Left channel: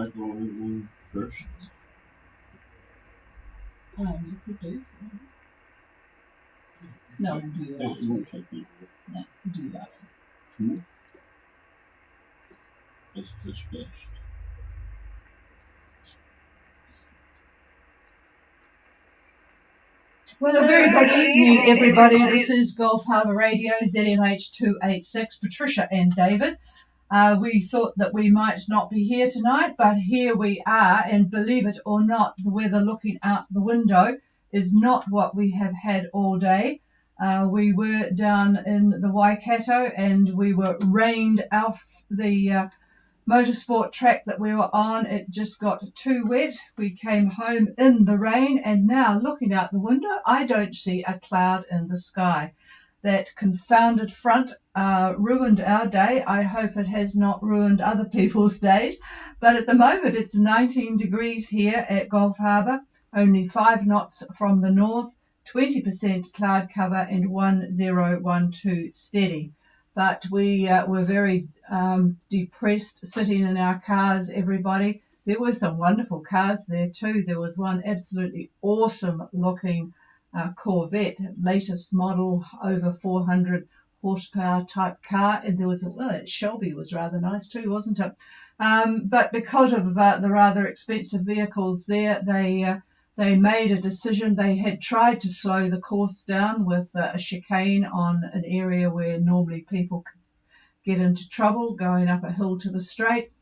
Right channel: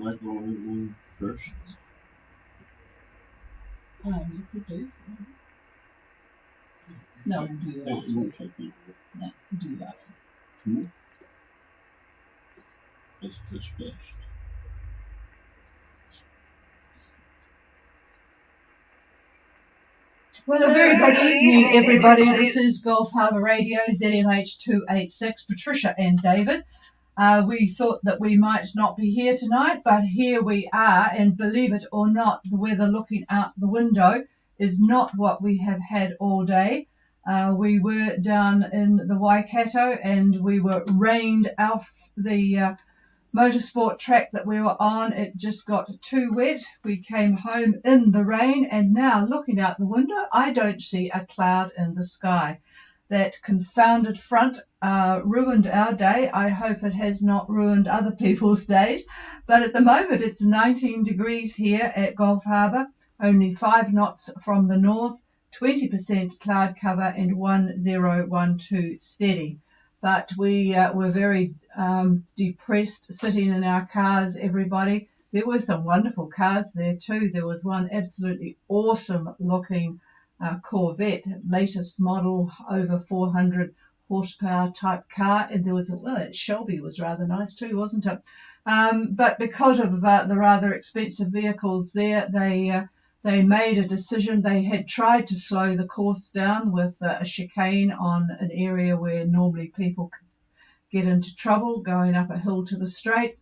I go first. You could do. No, do that. Oh, two. No, do that. Two. Let's switch that. Well, a very good evening, everybody. This is Gulf Harbour Radio, ZMH286, Patricia and David. We thought that we might not be here tonight, but here we are, and believe it or not, the weather looking out the window is not what we have had all day. We were down in the Waikato and we were rained off the motorsport track that we were on. It just got too wet. We came home in the rain, and now looking out the window, I don't see a cloud in the sky. That confounded front ruined our day. I hope it has not ruined other people's days. But at the moment, it's 19 degrees here at Gulf Harbour, only 5 knots from the north, 20% cloud cover, and 1012 steady. But we were very depressed sitting in our cars, everybody. There were some wonderful cars there too. There was one absolutely awesome looking Corvette, latest model, over 400 horsepower type car. And there was, that Shelby was rather nice too, wasn't it? But because of the rather expensive vehicles there, they made a decision. They had tried to slow the course down with a chicane on an area where normally people get into trouble, going up a hill to the straight.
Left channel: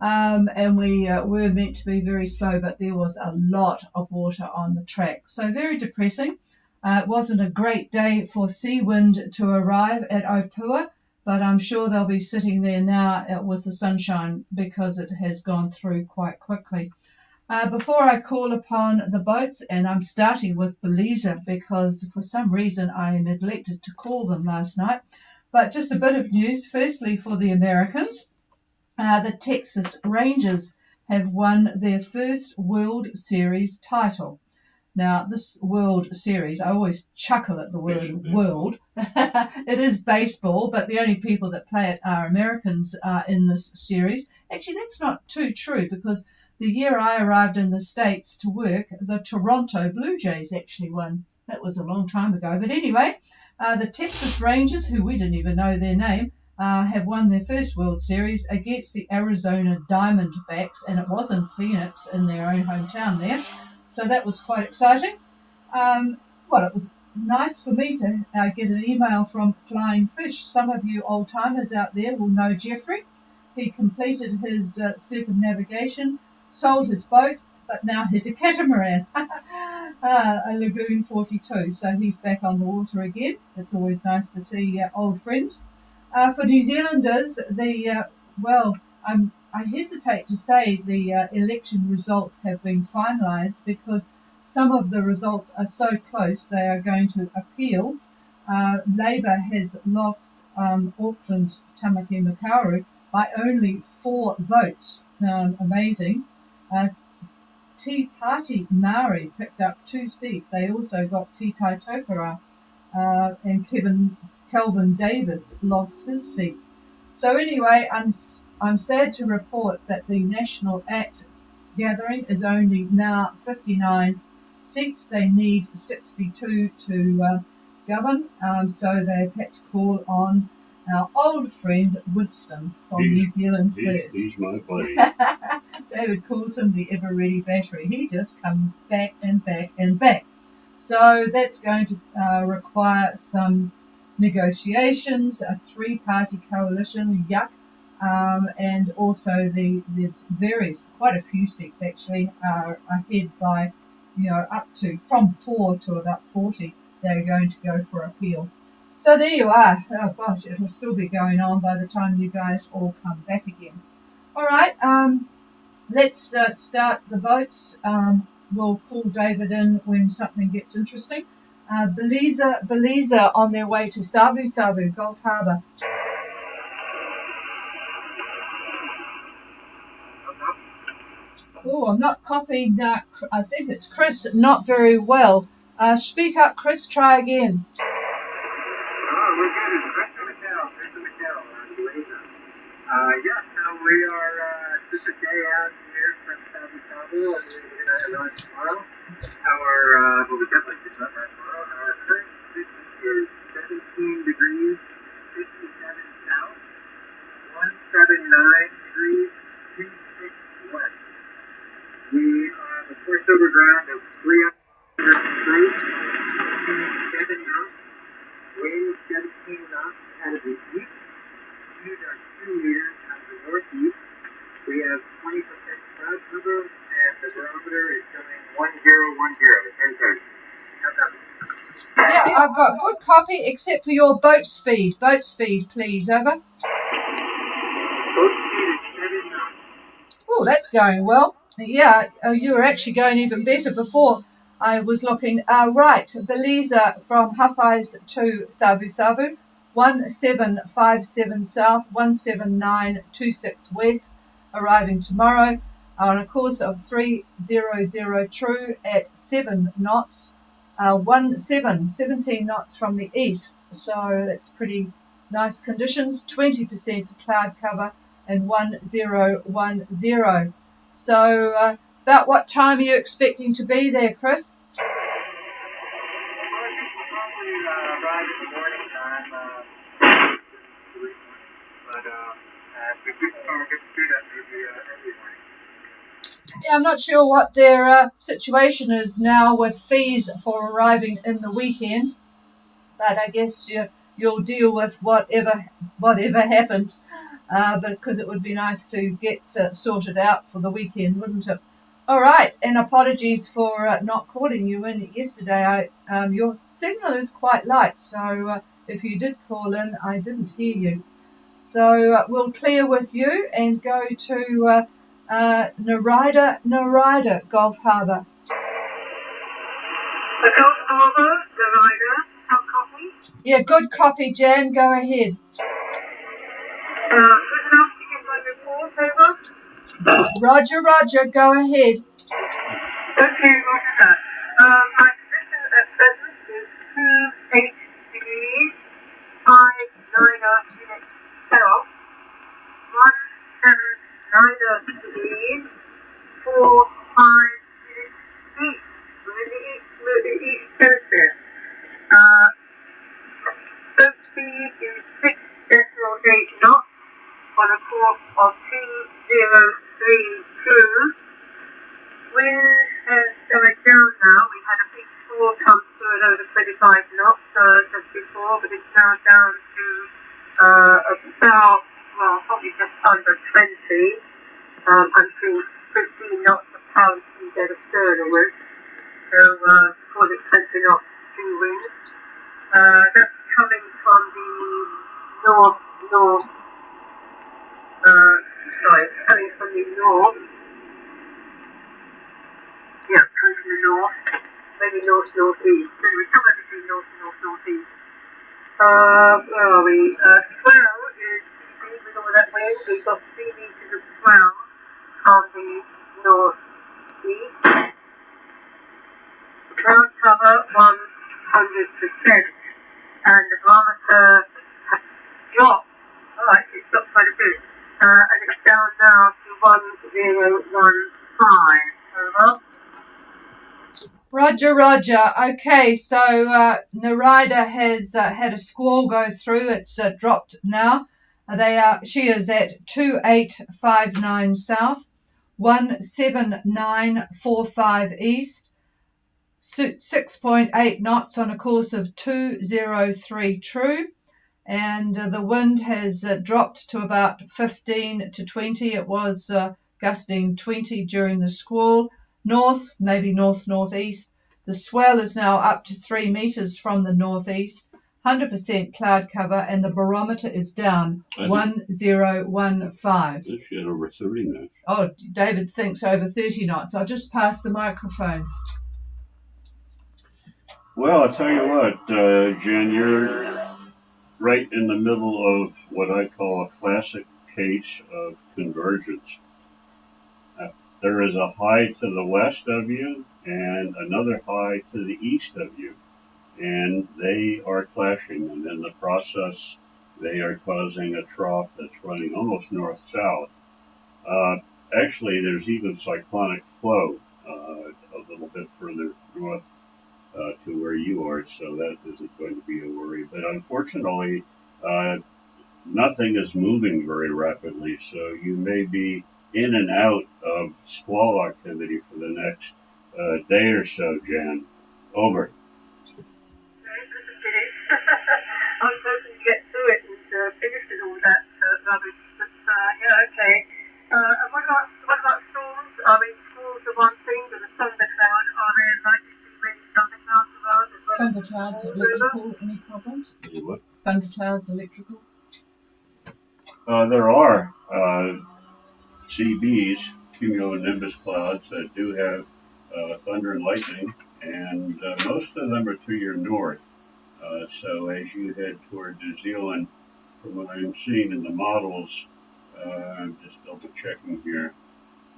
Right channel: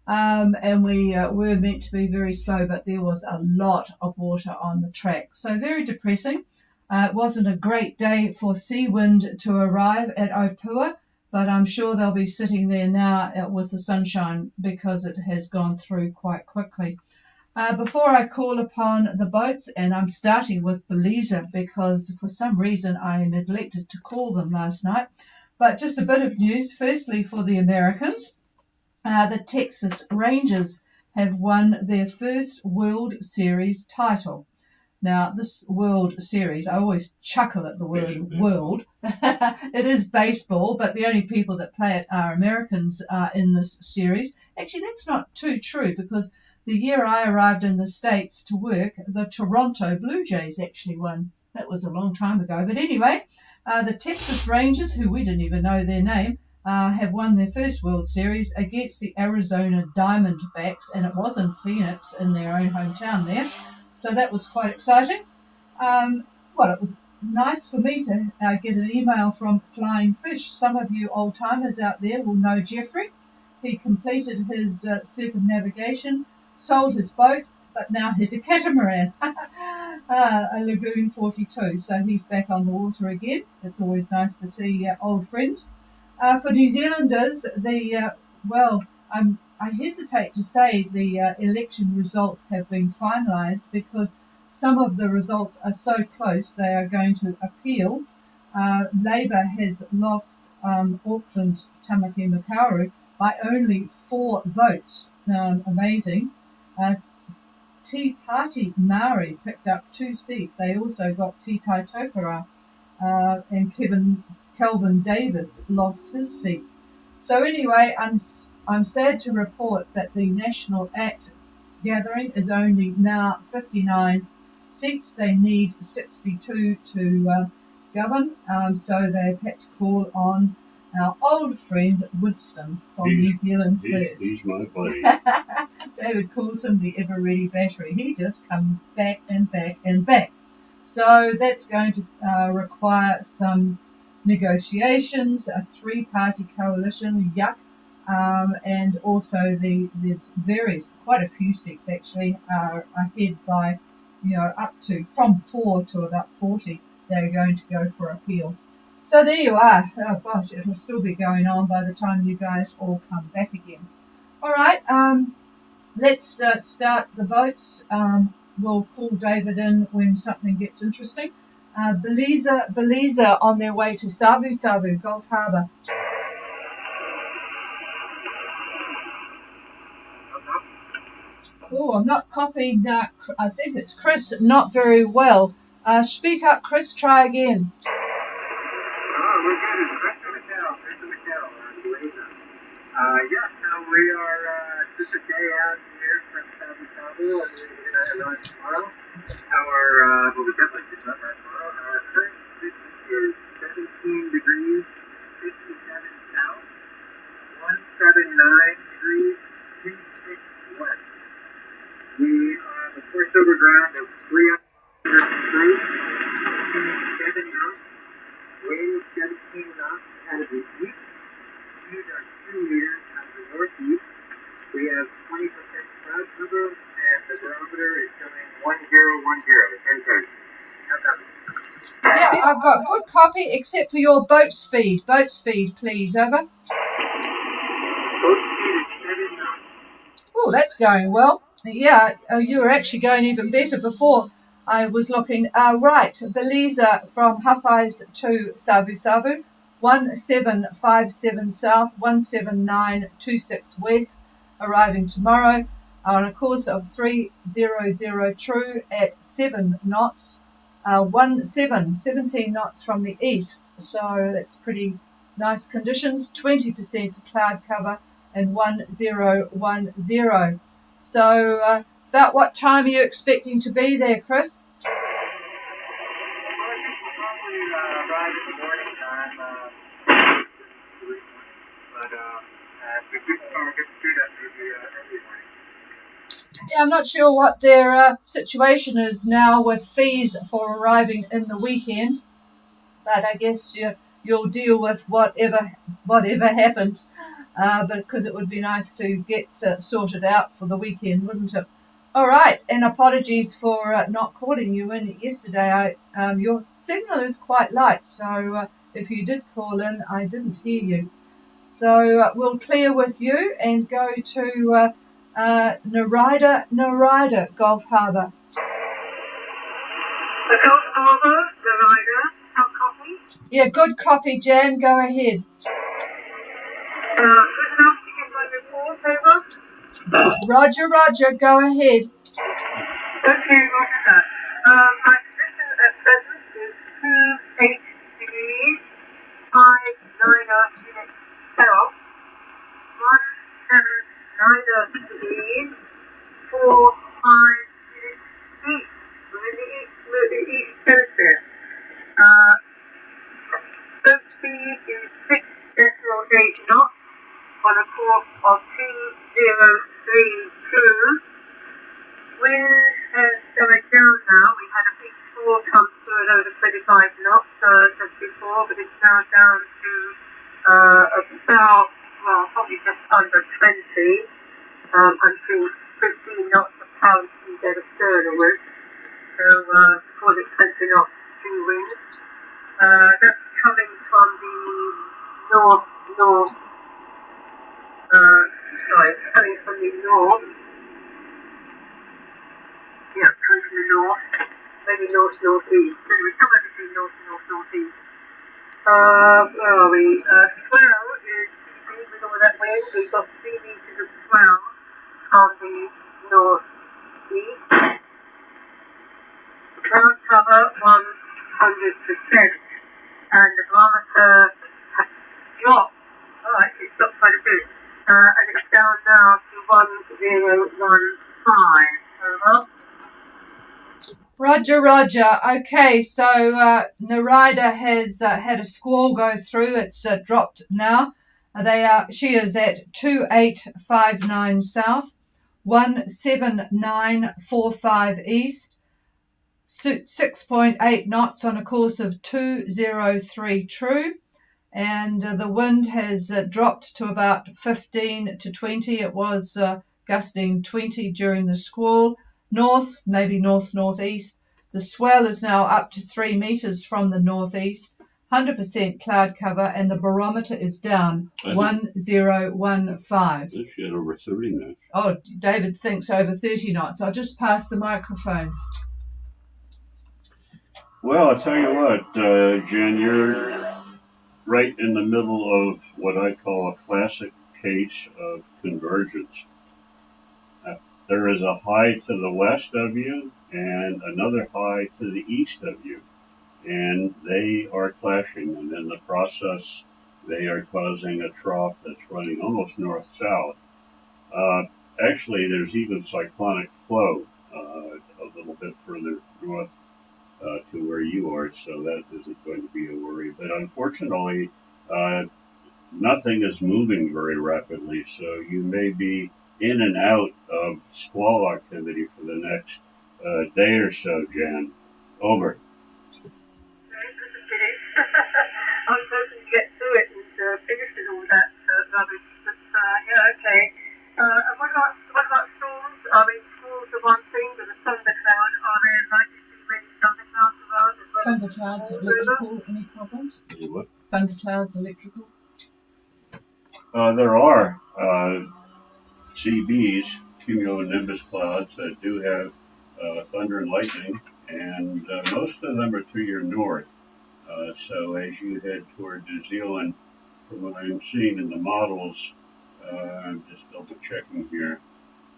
And we were meant to be very slow, but there was a lot of water on the track. So very depressing. It wasn't a great day for Seawind to arrive at Opua, but I'm sure they'll be sitting there now with the sunshine because it has gone through quite quickly. Before I call upon the boats, and I'm starting with Belize because for some reason I neglected to call them last night, but just a bit of news. Firstly, for the Americans, the Texas Rangers have won their first World Series title. Now, this World Series, I always chuckle at the word world. It is baseball, but the only people that play it are Americans in this series. Actually, that's not too true because the year I arrived in the States to work, the Toronto Blue Jays actually won. That was a long time ago. But anyway, the Texas Rangers, who we didn't even know their name, have won their first World Series against the Arizona Diamondbacks, and it was in Phoenix, in their own hometown there. So that was quite exciting. Well, it was nice for me to get an email from Flying Fish. Some of you old-timers out there will know Jeffrey. He completed his circumnavigation, sold his boat, but now he's a catamaran, a Lagoon 42. So he's back on water again. It's always nice to see old friends. For New Zealanders, I hesitate to say the election results have been finalised because some of the results are so close they are going to appeal. Labour has lost Auckland Tamaki Makaurau by only 4 votes. Amazing. Tea Party Maori picked up 2 seats. They also got Te Tai Tokara, and Kelvin Davis lost his seat. So anyway, I'm sad to report that the National Act gathering is only now 59 seats. They need 62 to govern, so they've had to call on our old friend Winston from New Zealand First. David calls him the ever-ready battery. He just comes back and back and back. So that's going to require some negotiations, a 3-party coalition, yuck, and also there's quite a few seats actually are ahead by, up to from 4 to about 40 that are going to go for appeal. So there you are. Oh gosh, it will still be going on by the time you guys all come back again. All right, let's start the boats. We'll pull David in when something gets interesting. Belize on their way to Savu, Gulf Harbour. Oh, I'm not copying that. I think it's Chris, not very well. Speak up, Chris, try again. We are just a day out here Yeah, I've got good copy except for your boat speed. Boat speed, please, over. Oh, that's going well. Yeah, you were actually going even better before. I was looking. Right, Beliza from Popeyes to Sabu Sabu, 1757 South, 17926 West, arriving tomorrow on a course of 300 true at 7 knots, 17 knots from the east. So that's pretty nice conditions. 20% cloud cover and 1010. So about what time are you expecting to be there, Chris? Yeah, I'm not sure what their situation is now with fees for arriving in the weekend, but I guess you'll deal with whatever happens. But because it would be nice to get sorted out for the weekend, wouldn't it? All right, and apologies for not calling you in yesterday. Your signal is quite light, so if you did call in, I didn't hear you. So we'll clear with you and go to Narida Gulf Harbour. Yeah, good copy, Jan. Go ahead. Roger, Roger. Go ahead. Okay, Roger. My HG 590 South 179 456 East Coast. 36 knots on a course of 2032. Wind has going down now. We had a peak 4 comes to over 35 knots just before. It's now down to about, well, probably just under 20. Until 15 knots of power from the steering. So, call it 20 knots to wind. That's coming from the north, coming from the north. Yeah, coming to the north, very northeast. So we're coming to the northeast. Where are we? Swell is moving over that way, so we've got 3 meters of swell on the northeast. Cloud cover 100%. And the thermometer has dropped. Alright, it's got quite a bit. It's down now to 1015. Roger, Roger. Okay, so Narida has had a squall go through. It's dropped now. She is at 2859 South, 17945 East, 6.8 knots on a course of 203 true. And the wind has dropped to about 15 to 20. It was gusting 20 during the squall. North, maybe northeast. The swell is now up to 3 meters from the northeast. 100% cloud cover, and the barometer is down 1015. Over 30 now. Oh, David thinks over 30 knots. I'll just pass the microphone. Well, I'll tell you what, Jan, you're right in the middle of what I call a classic case of convergence. There is a high to the west of you and another high to the east of you, and they are clashing, and in the process, they are causing a trough that's running almost north-south. Actually, there's even cyclonic flow a little bit further north to where you are, so that isn't going to be a worry. But unfortunately, nothing is moving very rapidly, so you may be in and out of squall activity for the next day or so, Jan. Over. I'm supposed to get to it and fix it all that, yeah, okay. What about schools? Schools are one thing, but there's something about like something else about Thunderclouds electrical, any problems? What? Thunderclouds electrical. There are CBs, cumulonimbus clouds, that do have thunder and lightning, and most of them are to your north. So as you head toward New Zealand, from what I'm seeing in the models, I'm just double checking here.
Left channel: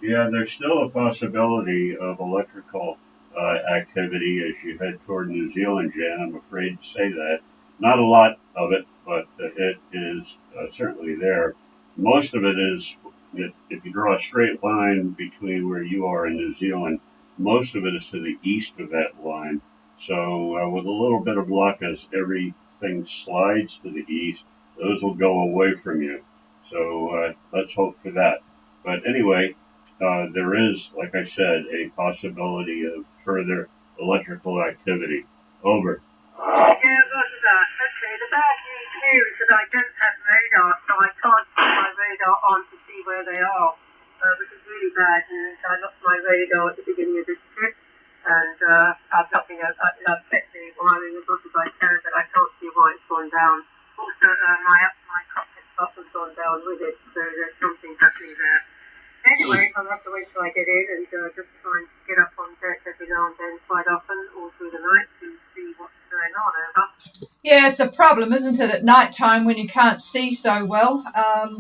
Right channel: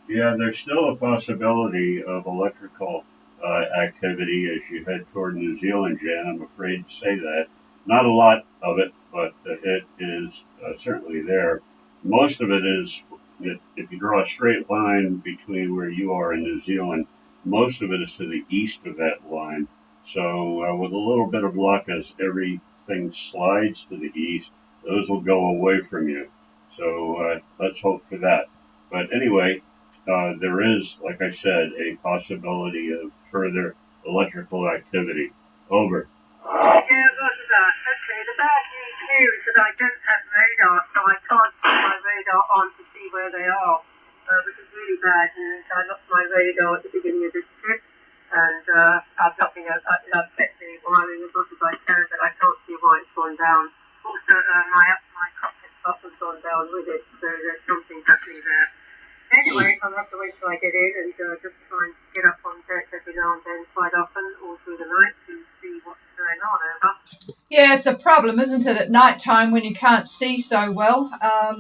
Yeah, there's still a possibility of electrical activity as you head toward New Zealand, Jan. I'm afraid to say that. Not a lot of it, but it is certainly there. Most of it is, if you draw a straight line between where you are and New Zealand, most of it is to the east of that line. So with a little bit of luck, as everything slides to the east, those will go away from you. So let's hope for that. But anyway, there is, like I said, a possibility of further electrical activity. Over. okay, the bad news is that I don't have radar, so I can't put my radar on to see where they are. It's really bad, and I lost my radar in the district, and I'm talking about affecting one of the rooms I can, but I can't see why it's gone down. Also, my cockpit bus has gone down with it, so there's something happening there. Anyway, I'll have to wait till I get in and just try and get up on deck every now and then quite often, all through the night, to see what's going on. Yeah, it's a problem, isn't it, at night time when you can't see so well.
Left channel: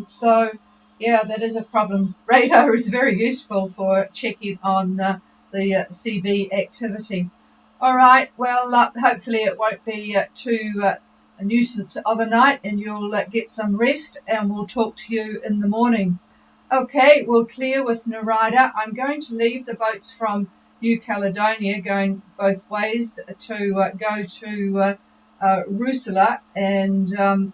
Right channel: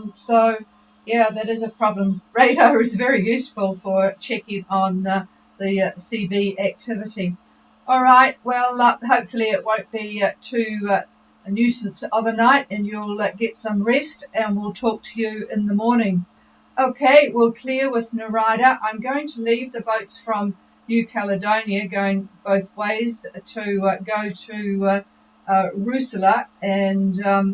So, yeah, that is a problem. Radar is very useful for checking on the CB activity. All right, well, hopefully it won't be too a nuisance of a night and you'll get some rest and we'll talk to you in the morning. Okay, we'll clear with Narada. I'm going to leave the boats from New Caledonia going both ways to go to Rusala, and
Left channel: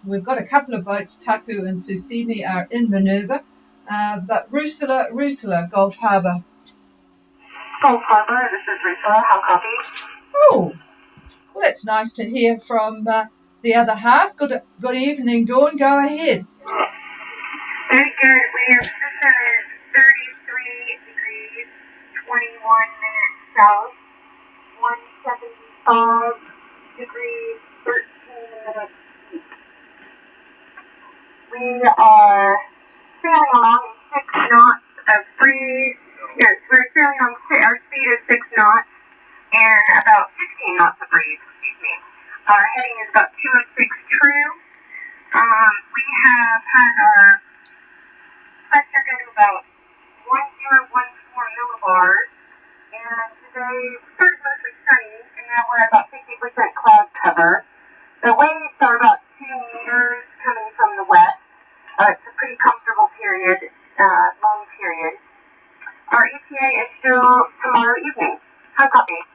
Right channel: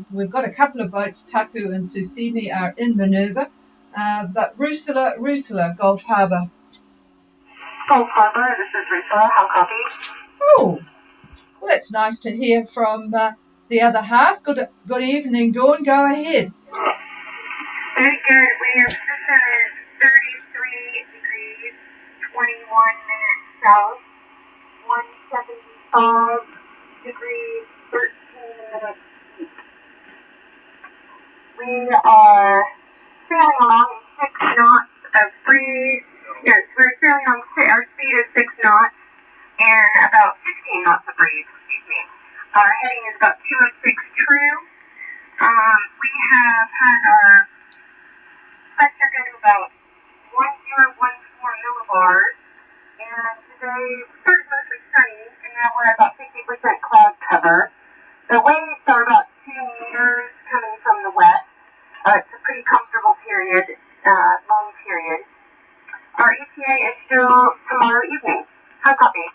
we've got a couple of boats, Taku and Susini, are in Minerva, but Rusala, Gulf Harbour. Oh, well, that's nice to hear from the other half. Good evening, Dawn. Go ahead. We're 33 degrees, 21 minutes south, 175 degrees, 13 minutes east. We are sailing along 6 knots of breeze. Yes, we're sailing on our speed is 6 knots and about 15 knots of breeze, Our heading is about 206 true. We have had pressure is about 1014 millibars, and today starts mostly sunny, and we're about 50% cloud cover. The waves are about 2 meters coming from the west. It's a pretty comfortable period, long period. Our ETA is still tomorrow evening. How about you?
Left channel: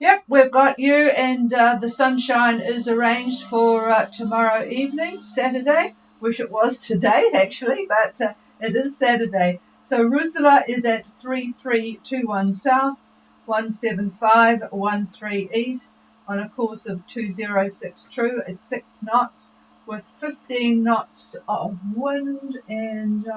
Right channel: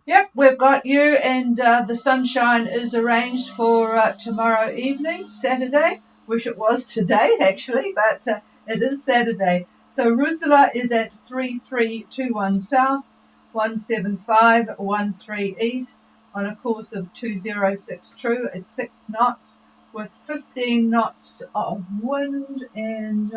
Yep, we've got you, and the sunshine is arranged for tomorrow evening, Saturday. Wish it was today, actually, but it is Saturday. So Rusala is at 3321 south, 17513 east, on a course of 206 true at 6 knots, with 15 knots of wind, and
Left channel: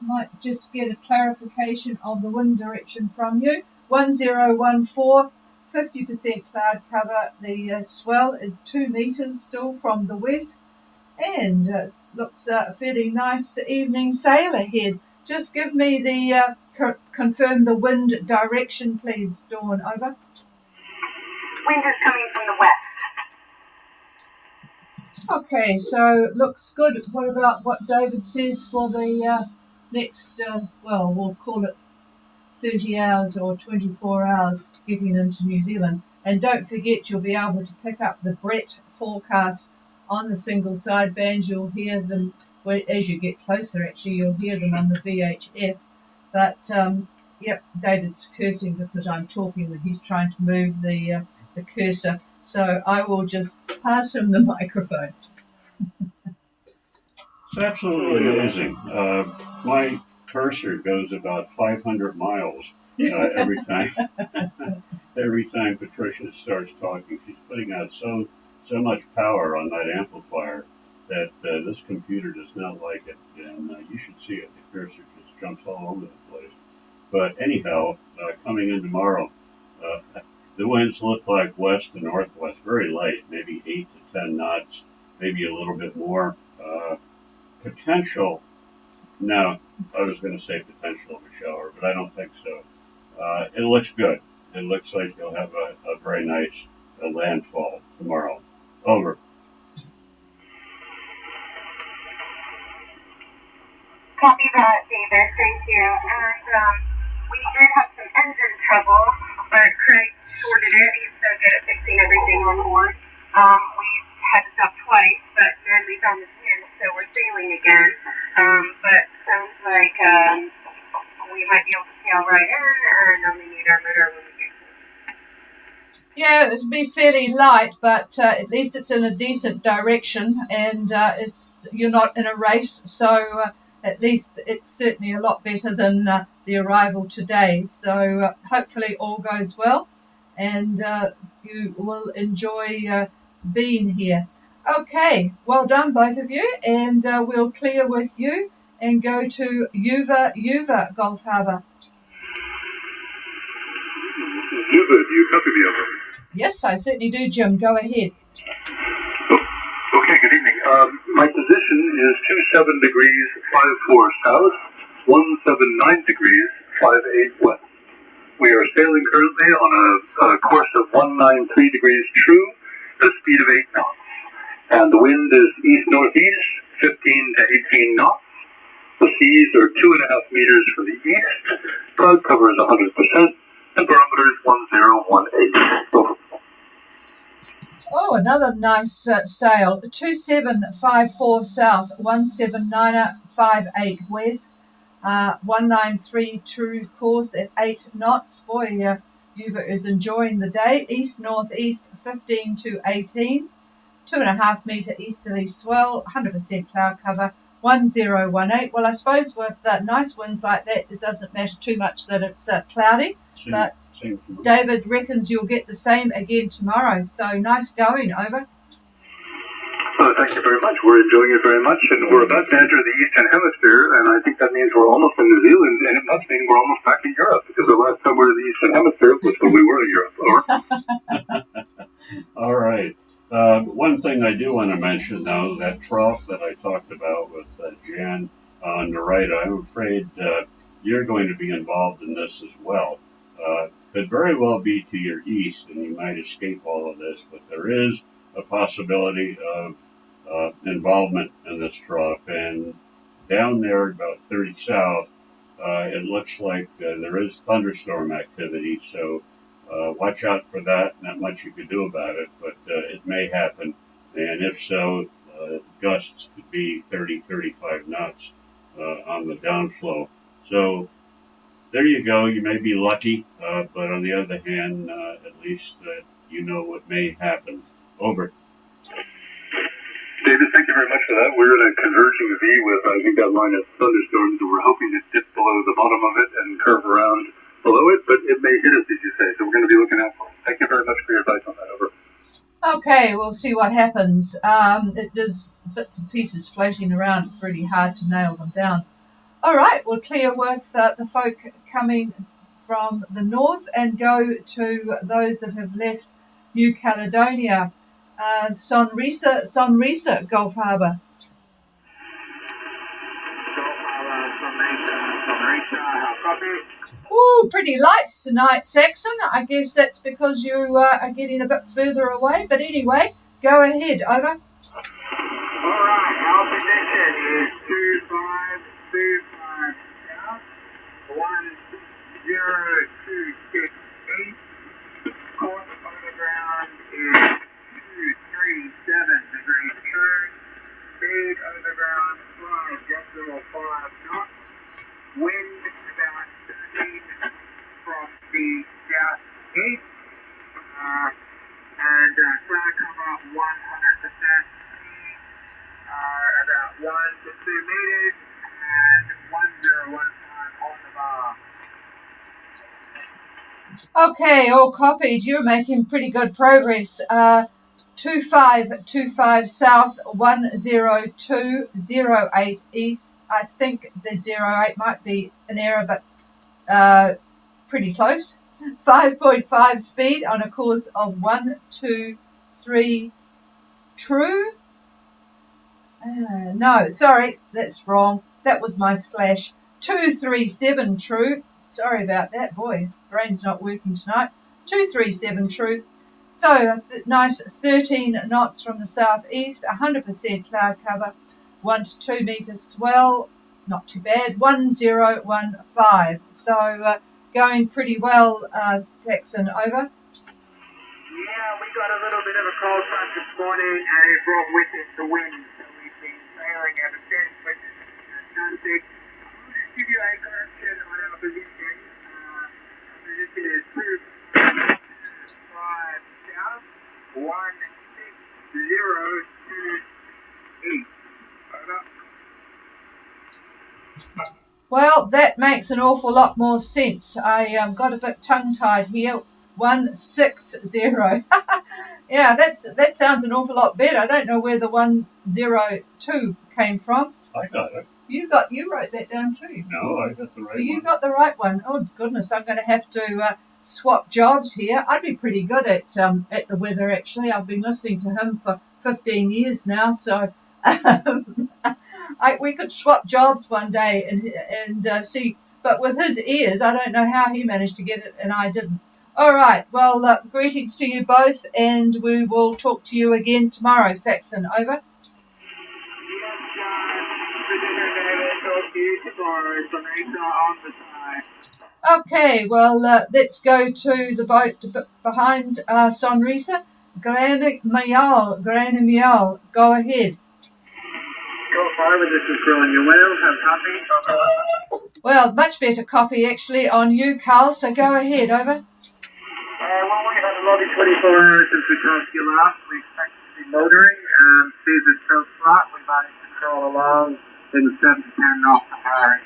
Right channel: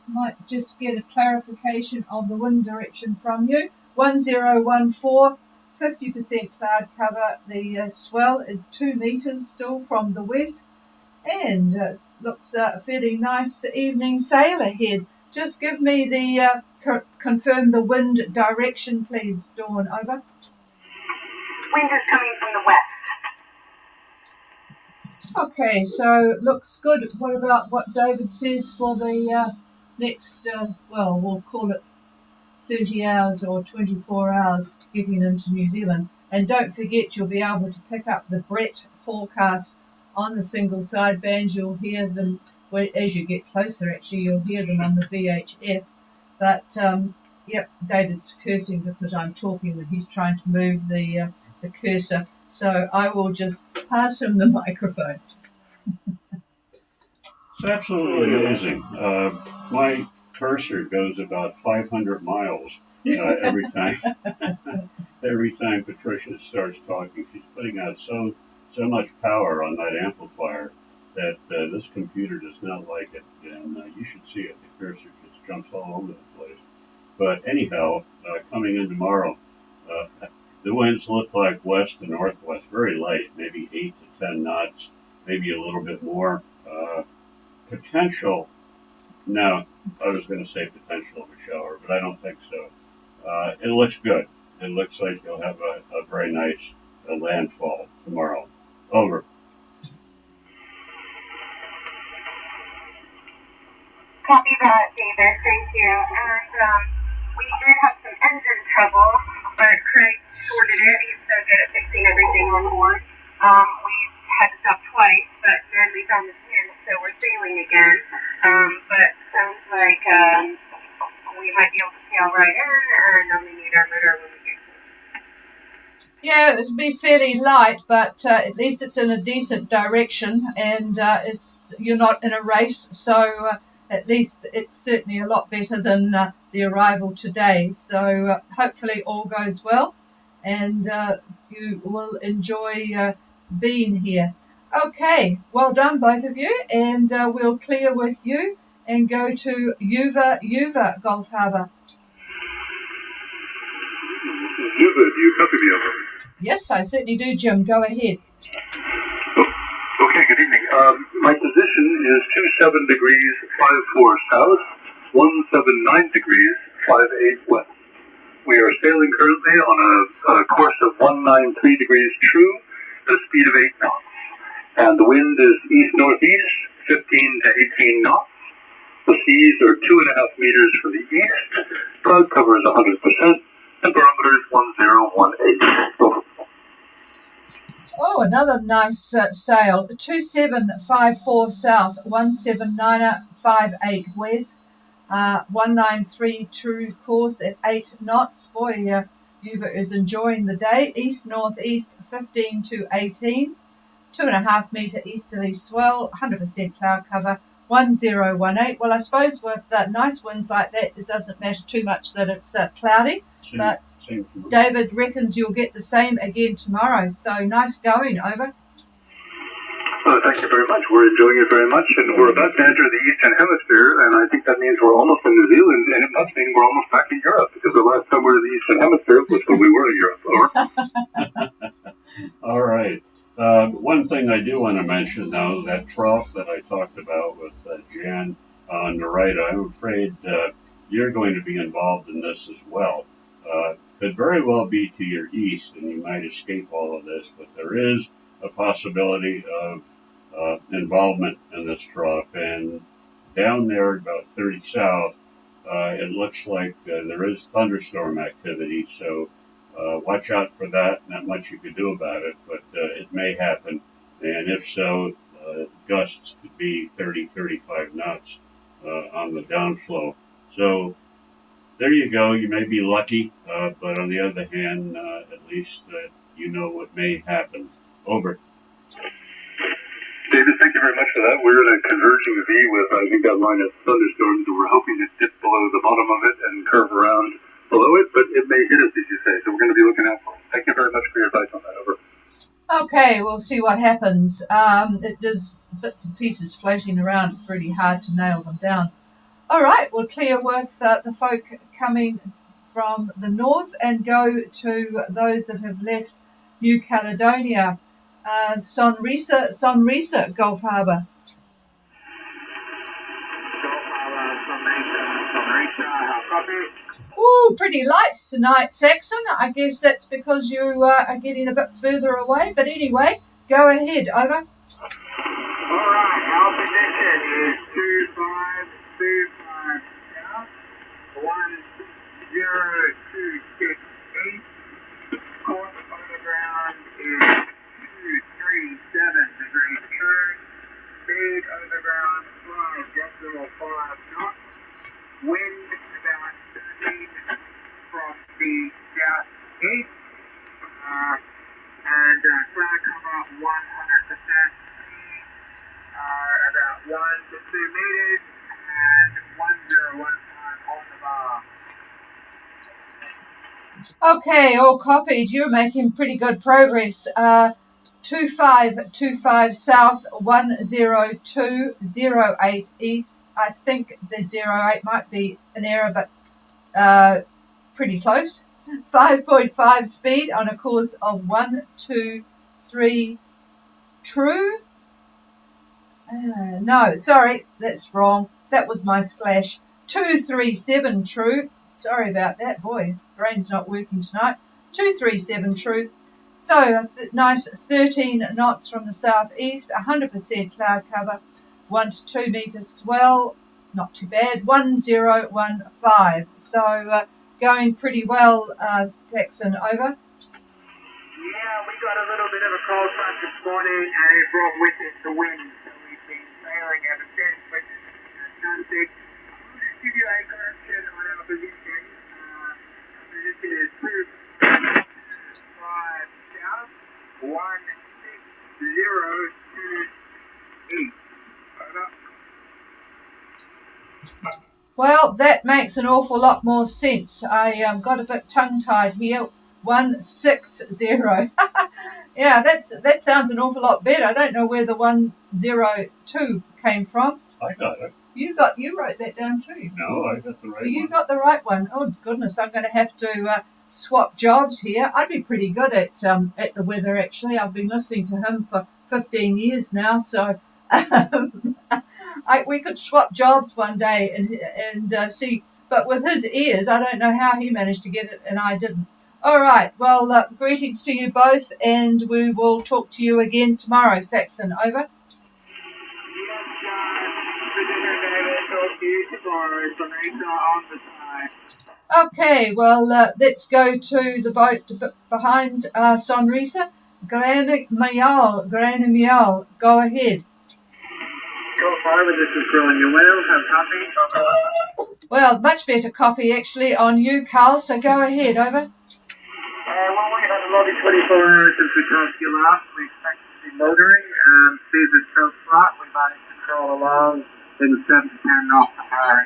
might just get a clarification of the wind direction from you. 1014. 50% cloud cover. The swell is 2 meters still from the west, and looks fairly nice evening sail ahead. Just give me the confirm the wind direction, please, Dawn. Over. Wind is coming from the west. Okay, so looks good. What about what David says for the next? Well, we'll call it 30 hours or 24 hours getting into New Zealand. And don't forget, you'll be able to pick up the Brett forecast on the single sideband. You'll hear them as you get closer. Actually, you'll hear them on the VHF. But yep, David's cursing because I'm talking, and he's trying to move the cursor. So I will just pass him the microphone. It's absolutely amazing. My cursor goes about 500 miles every time. Every time Patricia starts talking, she's putting out so much power on that amplifier that this computer does not like it, and you should see it. The cursor just jumps all over the place. But anyhow, coming in tomorrow, the winds look like west to northwest, very light, maybe 8 to 10 knots, maybe a little bit more. Potential, no, I was going to say potential for shower, but I don't think so. It looks good. It looks like they'll have a very nice landfall tomorrow. Over. Copy that, David. Thank you. And we did have some engine trouble, but Craig sorted it. He said that fixing everything on board. We had enough flight, but then we found the pin, so we're sailing again. But it sounds like we might be able to sail right in, and we need our Yeah, it'd be fairly light, but at least it's in a decent direction, and you're not in a race, so at least it's certainly a lot better than the arrival today. So hopefully all goes well, and you will enjoy being here. Okay, well done both of you, and we'll clear with you and go to Yuva Gulf Harbour. Yuva, do you copy me? Yes, I certainly do, Jim. Go ahead. Okay, good evening. My position is 27 degrees 54 south, 179 degrees 58 west. We are sailing currently on a course of 193 degrees true to the speed of 8 knots. And the wind is east-northeast, 15 to 18 knots. The seas are 2.5 meters to the east. Sun covers 100%. And barometer is 1018. Oh, another nice sail. 2754 south, 17958 west, 193 true course at 8 knots. Boy, Yuva is enjoying the day. East-northeast, 15 to 18. 2.5 metre easterly swell, 100% cloud cover, 1018. Well, I suppose with nice winds like that, it doesn't matter too much that it's cloudy, but David reckons you'll get the same again tomorrow, so nice going, over. Thanks very much. We're enjoying it very much, and we're about to enter the Eastern Hemisphere, and I think that means we're almost in New Zealand, and us means we're almost back in Europe, because we're not somewhere in the Eastern Hemisphere, but we were in Europe. All right. One thing I do want to mention, though, that trough that I talked about with Jan on the right, I'm afraid you're going to be involved in this as well. Could very well be to your east, and you might escape all of this, but there is a possibility of involvement in this trough. And down there, about 30 south, it looks like there is thunderstorm activity, so watch out for that. Not much you can do about it, but it may happen. And if so, gusts could be 30, 35 knots on the downflow. So there you go. You may be lucky, but on the other hand, at least you know what may happen. Over. David, thank you very much for that. We're in a converging V with you got line of thunderstorms, and we're hoping to dip below the bottom of it and curve around below it, but it may hit us, as you say, so we're going to be looking out. Thank you very much for your time on that. Over. Okay, we'll see what happens. It does bits and pieces flashing around. It's pretty hard to nail them down. All right, we'll clear with the folk coming from the north and go to those that have left New Caledonia. Sonrisa, Gulf Harbour. Ooh, pretty lights tonight, Saxon. I guess that's because you are getting a bit further away. But anyway, go ahead, over. Okay, all copied. You're making pretty good progress. 2525 south, 10208 east. I think the 08 might be an error, but pretty close. 5.5 speed on a course of 123 true. No, sorry, that's wrong. That was my slash. 237 true. Sorry about that, boy. Brain's not working tonight. 237 true. So nice 13 knots from the southeast, 100% cloud cover, 1 to 2 meters swell, not too bad. 1015. So going pretty well, Saxon. Over. Yeah, we got a little bit of a cold front this morning, and it brought with it the wind. We've been sailing at a fair quick big acceleration around the evening. This is 2, 5, south, 1, 6, 0, 2, 8. Well, that makes an awful lot more sense. I got a bit tongue-tied here. 160. Yeah, that sounds an awful lot better. I don't know where the 102 came from. I got it. You wrote that down too. No, I got the right Well, you one. got the right one. Oh goodness, I'm going to have to swap jobs here. I'd be pretty good at the weather actually. I've been listening to him for 15 years now, so we could swap jobs one day and see. But with his ears, I don't know how he managed to get it, and I didn't. All right. Well, greetings to you both, and we will talk to you again tomorrow. Saxon, over. Okay, well, let's go to the boat behind Sonrisa. Grand Mayal, go ahead. Well, much better copy actually on you, Carl, so go ahead, over. Motoring and see the show slot. We might control along in the 7 off the high.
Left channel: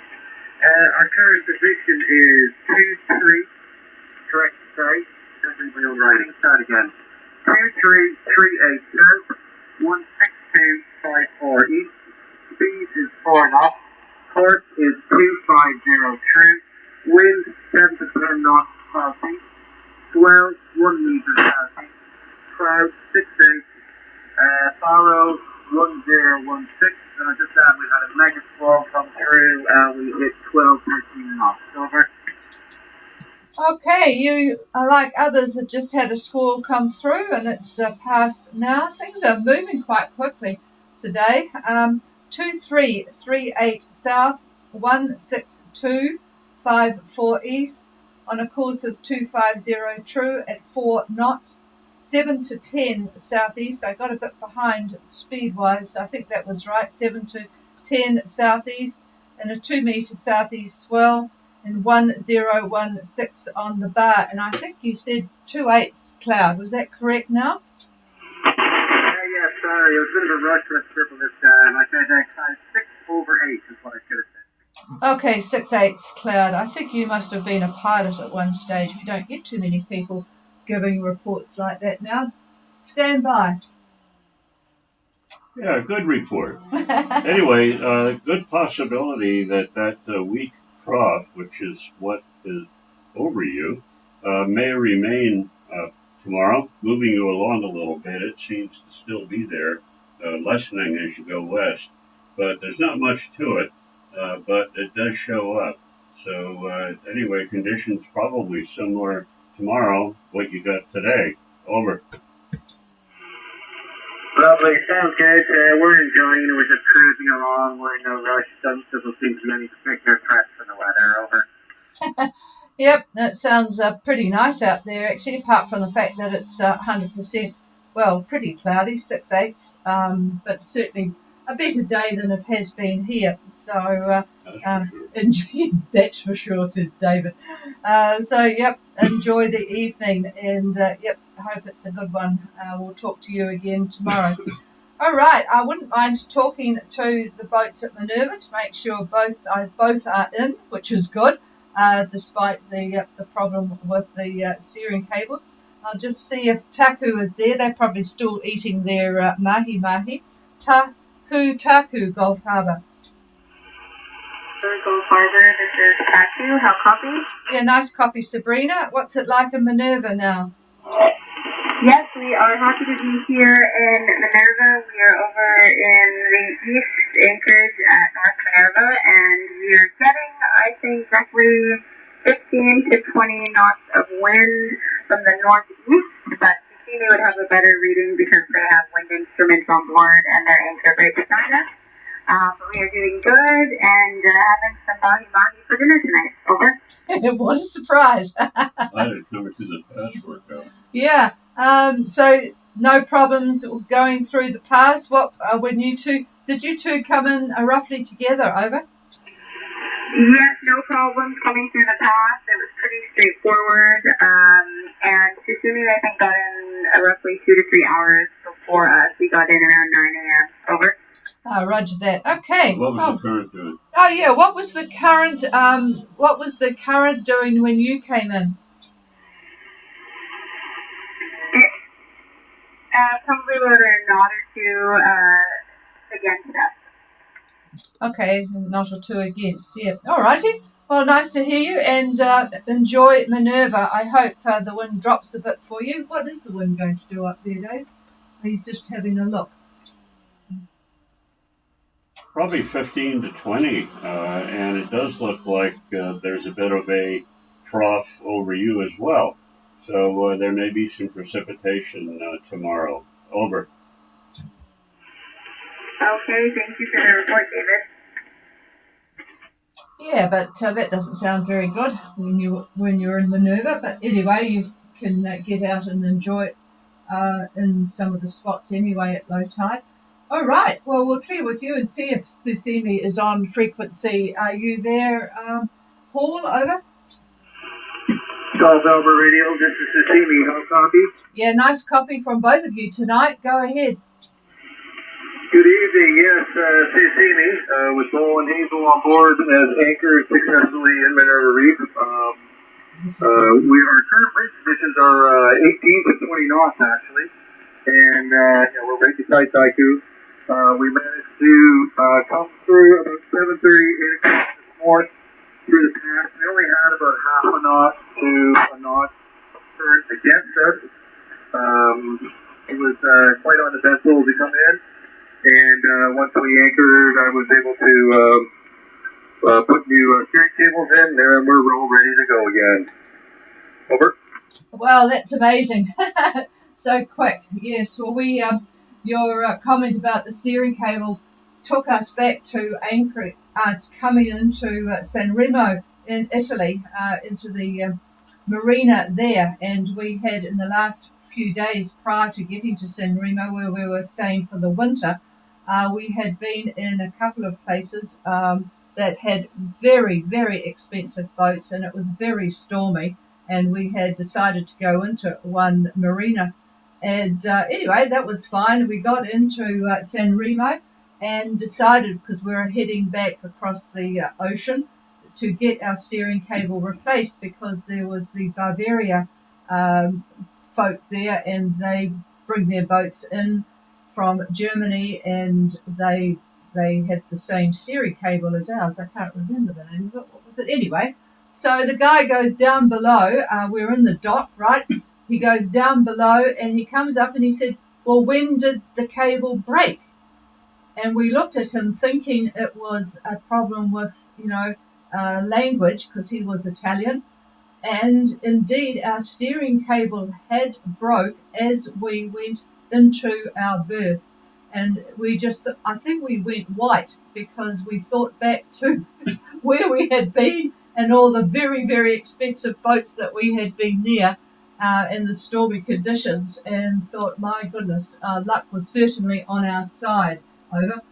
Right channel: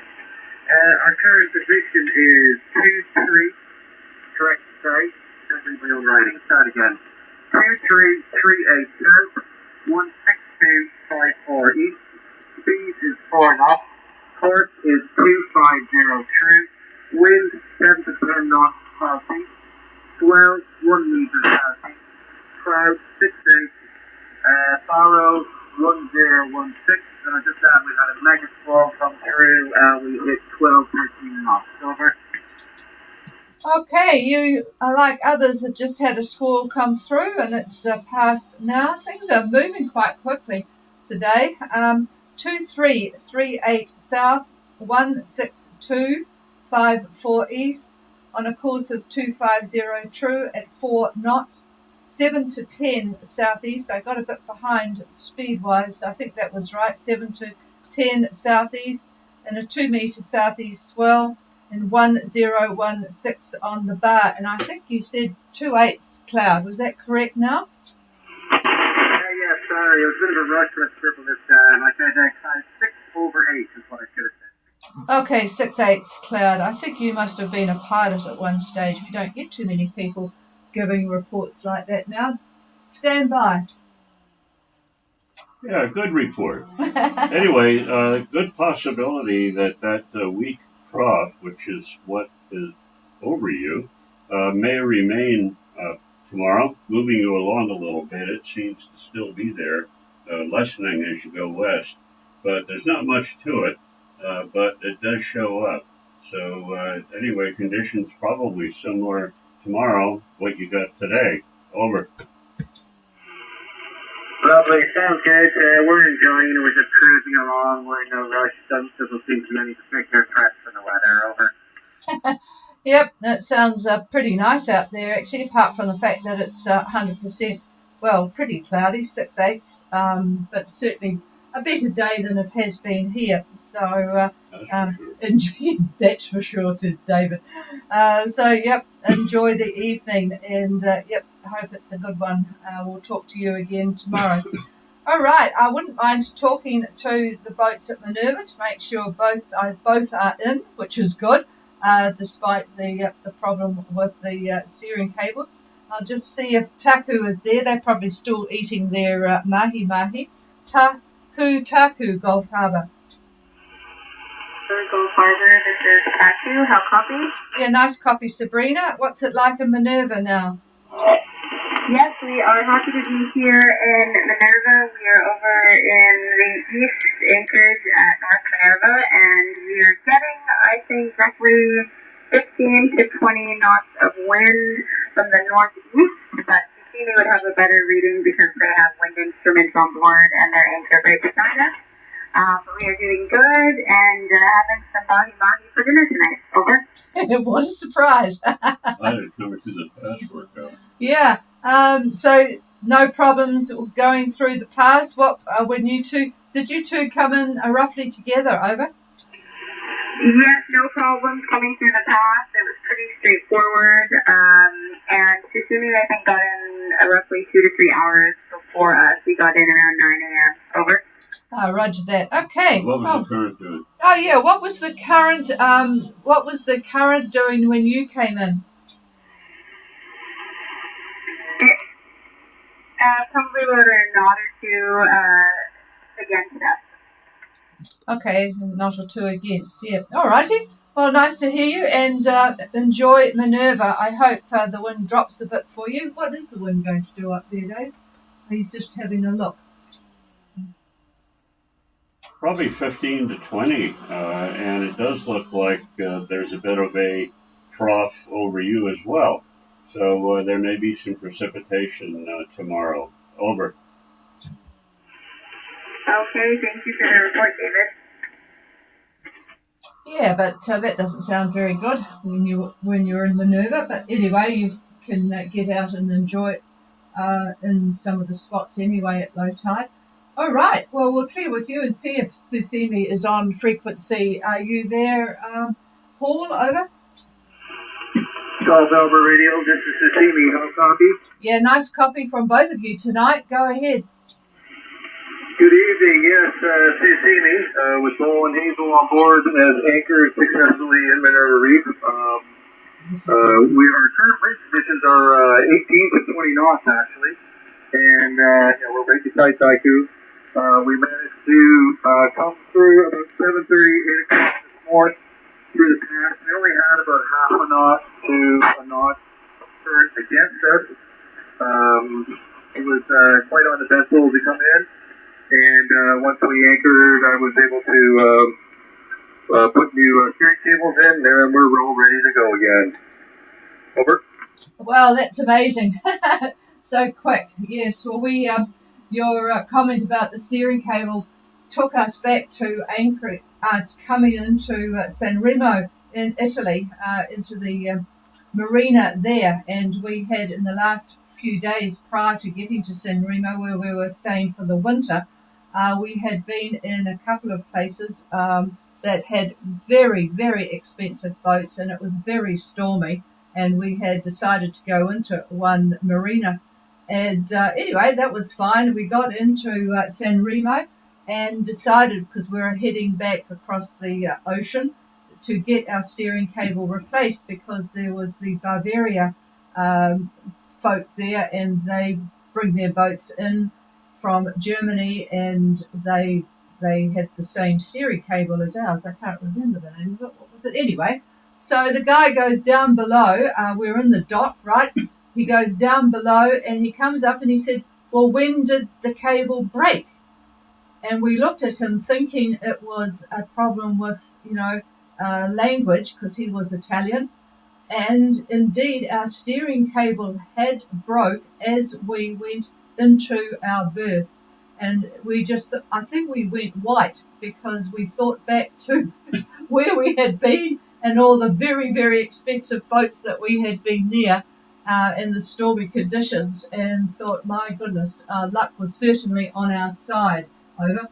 And our carrier position is 2-3, correct, sorry, we're writing, start again. 2-3-3-8, 1-16-540, speed is 4 knots, course is 250 true, wind 7 to 10 knots, southeast, swell 1 meter southeast, crowd 6-8, follow 1016, and I just found the magnet wall come through, and we hit 12-13 knots. Over. Okay, you, like others, have just had the squall come through, and it's passed now. Things are moving quite quickly today. 2338 south, 16254 east, on a course of 250 true at 4 knots. 7 to 10 southeast. I got a bit behind speed-wise, so I think that was right. 7 to 10 southeast, and a 2 meter southeast swell, and 1016 on the bar. And I think you said 2/8 cloud. Was that correct now? Yeah, sorry, it was a bit of a rush with I said 6/8 is what I could have said. Okay, 6/8 cloud. I think you must have been a pilot at one stage. You don't get too many people giving reports like that now. Stand by. Yeah, good report. Anyway, good possibility that weak trough, which is what is over you, may remain tomorrow, moving you along a little bit. It seems to still be there, lessening as you go west. But there's not much to it, but it does show up. So anyway, conditions probably similar tomorrow, what you got today. Over. Well, they sound good. We're enjoying it. We're just cruising along. We're our stuff, so we'll be getting bigger cracks for the weather. Yep, that sounds pretty nice out there, actually, apart from the fact that it's 100%, well, pretty cloudy, 6/8, but certainly a better day than it has been here. So, that's for sure, says David. Yep, enjoy the evening, and yep, I hope it's a good one. We'll talk to you again tomorrow. All right, I wouldn't mind talking to the boats at Minerva to make sure both are in, which is good. despite the problem with the steering cable. I'll just see if Taku is there. They're probably still eating their mahi. Taku, Gulf Harbour. Gulf Harbour, this is Taku. How copy? Yeah, nice copy, Sabrina. What's it like in Minerva now? Yes, we are happy to be here in Minerva. We are over in the east acres at North Minerva, and we are getting, I think, roughly 15 to 20 knots of wind from the northeast. But you see what comes better reading because they have wind instruments on board and they're anchored on us. We are doing good, and having some fun for dinner tonight. Over. What a surprise! I had to go to the patchwork out. Yeah. So no problems going through the pass. What when you two did you two come in roughly together? Over. Yes, no problems coming through the pass. It was pretty straightforward. And today I got in roughly 2 to 3 hours before we got in around 9 a.m. Over. Oh, roger that. Okay. Good. Oh yeah. What was the current? What was the current doing when you came in? Probably were not to against that. Okay, not or two against. Yeah. All righty. Well, nice to hear you and enjoy Minerva. I hope the wind drops a bit for you. What is the wind going to do up there, Dave? He's just having a look. Probably 15 to 20, and it does look like there's a bit of a trough over you as well. So there may be some precipitation tomorrow. Over. Okay, thank you for the report, David. Yeah, but that doesn't sound very good when you're in Minerva. But anyway, you can get out and enjoy it in some of the spots anyway at low tide. All right. Well, we'll clear with you and see if Susimi is on frequency. Are you there, Paul? Over. Harbour Radio, this is Susimi. How copy? Yeah, nice copy from both of you tonight. Go ahead. Good evening, yes, Susimi. With Golden Eagle on board as anchor successfully in their reef. We are currently, this is our 18 to 20 knots actually, and we're ready to tight Taku. We managed to come through at 7:30 this morning through the pass. We only have a half a knot to a knot current against us. It was quite uneventful to come in, and once we anchored, I was able to put new steering cables in. There we're all ready to go again. Over. Well, that's amazing. So quick. Yes. Well, your comment about the steering cable took us back to anchoring, coming into San Remo in Italy, into the marina there, and we had in the last few days prior to getting to San Remo, where we were staying for the winter, we had been in a couple of places that had very, very expensive boats, and it was very stormy, and we had decided to go into one marina. And anyway, that was fine. We got into San Remo and decided, because we were heading back across the ocean, to get our steering cable replaced, because there was the Barbaria folk there, and they bring their boats in from Germany, and they had the same steering cable as ours. I can't remember the name, but what was it anyway? So the guy goes down below. We're in the dock, right? He goes down below and he comes up and he said, well, when did the cable break? And we looked at him thinking it was a problem with, language, because he was Italian. And indeed, our steering cable had broke as we went into our berth. And I think we went white, because we thought back to where we had been and all the very, very expensive boats that we had been near in the stormy conditions, and thought, my goodness, luck was certainly on our side. Over.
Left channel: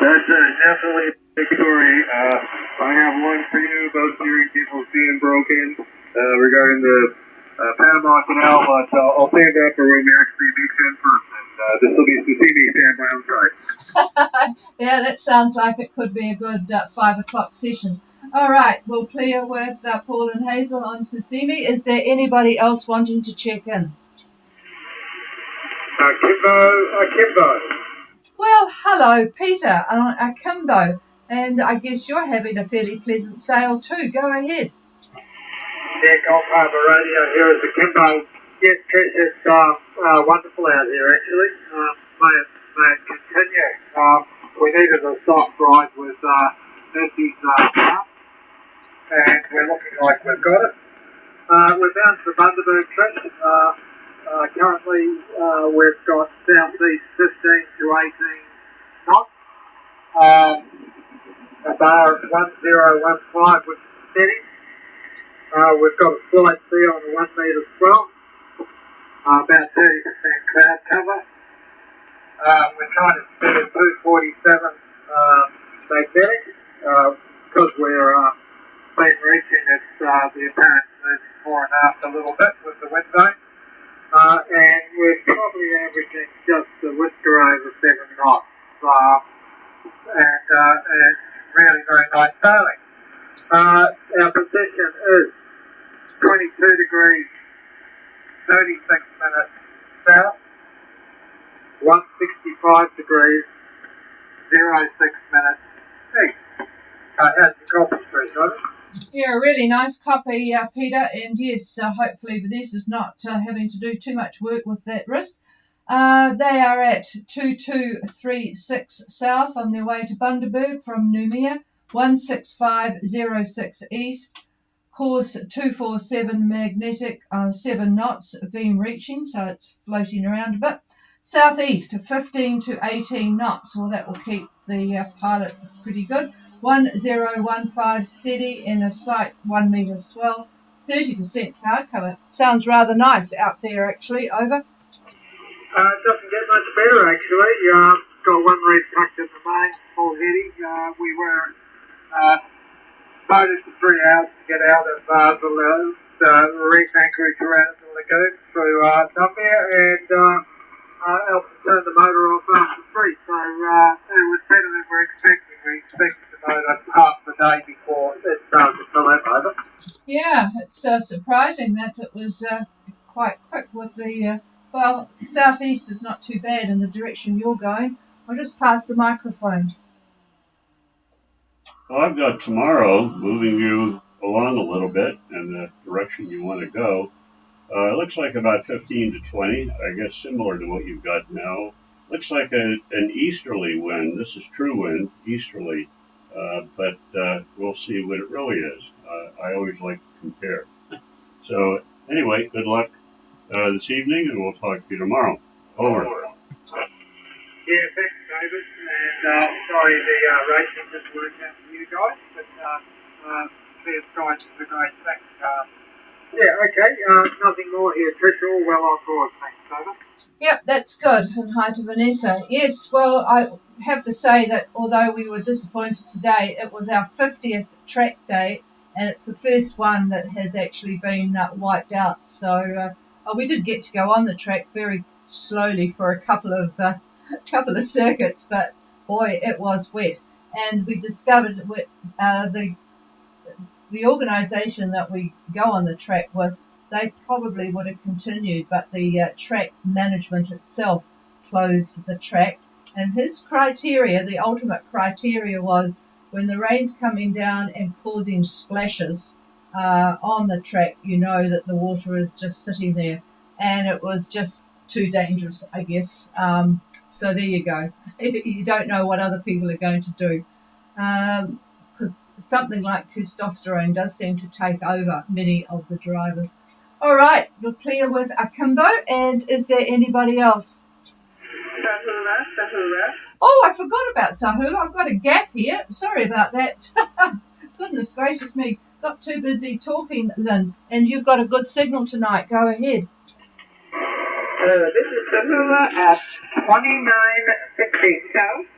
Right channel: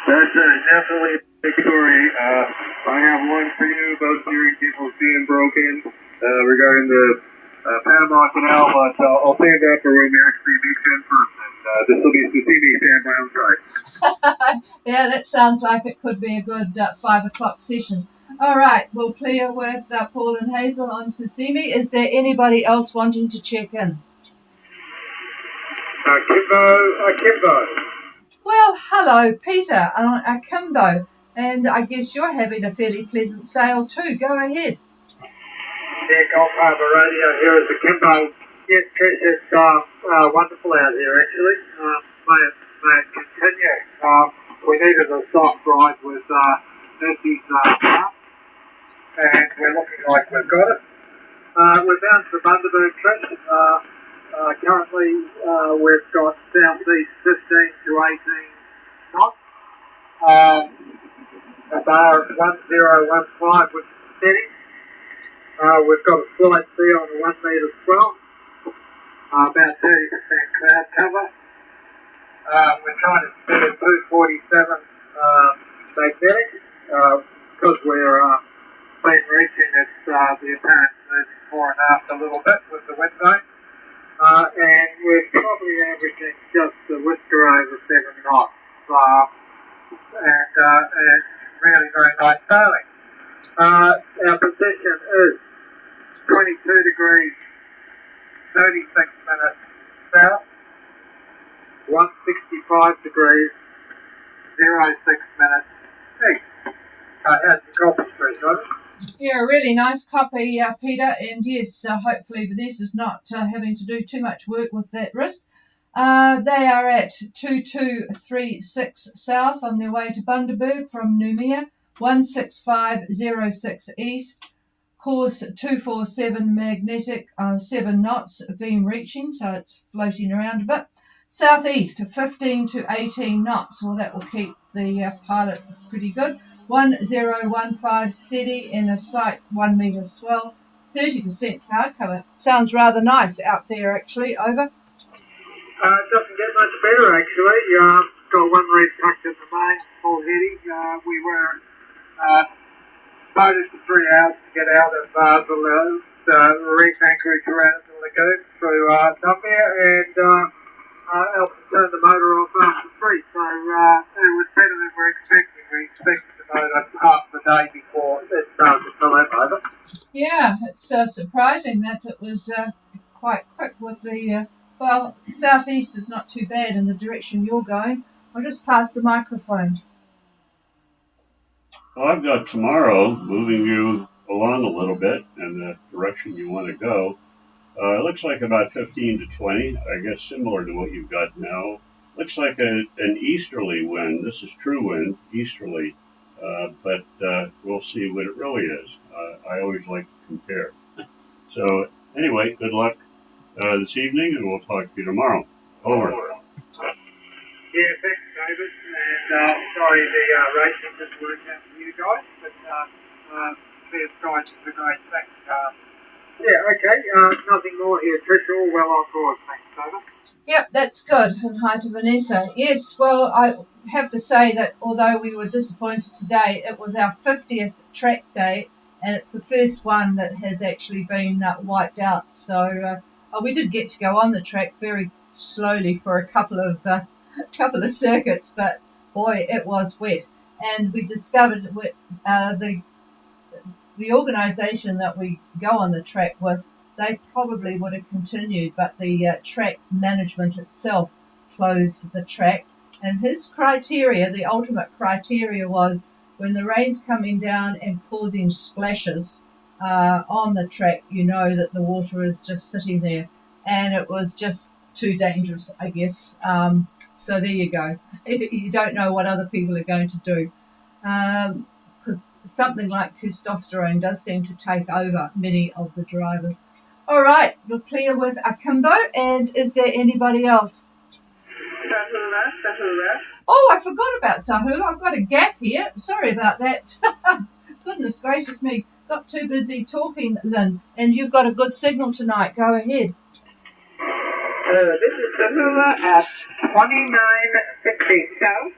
That's definitely a story. I have one for you about steering cables being broken regarding the Panama Canal. I'll save that for next weekend first. Just looking to see if I'm right. Yeah, that sounds like it could be a good 5 o'clock session. All right, we'll clear with Paul and Hazel on Sicily. Is there anybody else wanting to check in? Akimbo. Well, hello, Peter, Akimbo, and I guess you're having a fairly pleasant sail too. Go ahead. Yeah, Gulf Harbour Radio here at Akimbo. Yes, it's wonderful out here actually. May continue. We needed a soft ride with Andy's and we're looking like we've got it. We're down to the Monday trip. Currently, we've got southeast 15 to 18 knots. A bar at 1015 with steady. We've got a flight sea on 1 metre as well. About 30% cloud cover. We're trying to set a 247 stay there because we're being reaching at the apparent 4.5 a little bit with the wind zone. And we're probably averaging just the winter over 7 knots. And really very nice sailing. Our position is 22 degrees, 36 minutes south, 165 degrees, 06 minutes east. That's Gulf. Yeah, really nice copy, Peter. And yes, hopefully this is not having to do too much work with that wrist. They are at 2236 south on their way to Bundaberg from Noumea, 16506 east, course 247 magnetic, 7 knots being reaching, so it's floating around a bit. Southeast 15 to 18 knots, well that will keep the pilot pretty good. 1015 steady and a slight 1 metre swell, 30% cloud cover. Sounds rather nice out there actually, over. Doesn't get much better actually. Got one reed packed in the plane, full heating. We were boated 3 hours to get out of Harbour. The reed anchored around the lagoon through Nokia and altitude over on free. So the time we're expecting, we expect half a day before it starts to come over. Yeah, it's surprising that it was quite quick with the, well, southeast is not too bad in the direction you're going. I'll just pass the microphone. Well, I've got tomorrow moving you along a little bit in the direction you want to go. It looks like about 15 to 20, I guess similar to what you've got now. Looks like an easterly wind. This is true wind, easterly, but we'll see what it really is. I always like to compare. So anyway, good luck this evening, and we'll talk to you tomorrow. Over. Yeah, thanks, David. And sorry the rating didn't work out for you guys, but Peter's trying to do nice things. Yeah, okay. Nothing more here. Visual, well on board. Thanks, David. Yep, that's good. And hi to Vanessa. Yes, well, I have to say that although we were disappointed today, it was our 50th track day, and it's the first one that has actually been wiped out. So we did get to go on the track very slowly for a couple of circuits, but boy, it was wet. And we discovered the organisation that we go on the track with, they probably would have continued, but the track management itself closed the track. And his criteria, the ultimate criteria, was when the rain's coming down and causing splashes on the track, you know that the water is just sitting there. And it was just too dangerous, I guess. So there you go. You don't know what other people are going to do. Because something like testosterone does seem to take over many of the drivers. All right, we're clear with Akimbo, and is there anybody else? Oh, I forgot about Sahu. I've got a gap here. Sorry about that. Goodness gracious me, got too busy talking, Lynn, and you've got a good signal tonight. Go ahead. Sahu at 2967,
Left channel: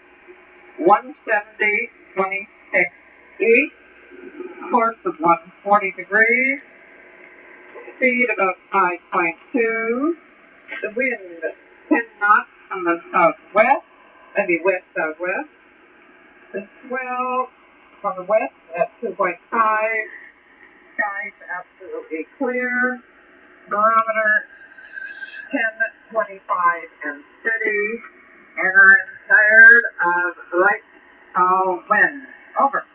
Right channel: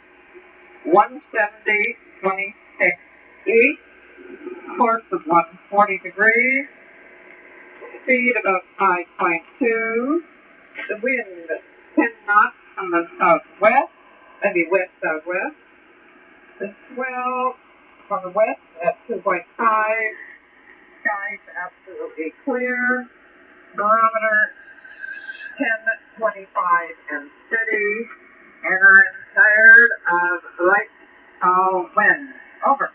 170, 26 east, course of 140 degrees, speed of 5.2, the wind is 10 knots from the southwest, maybe west southwest, the swell from west at 2.5. Skies absolutely clear. Barometer 10:25 and 3. And I'm tired of light wind. Over.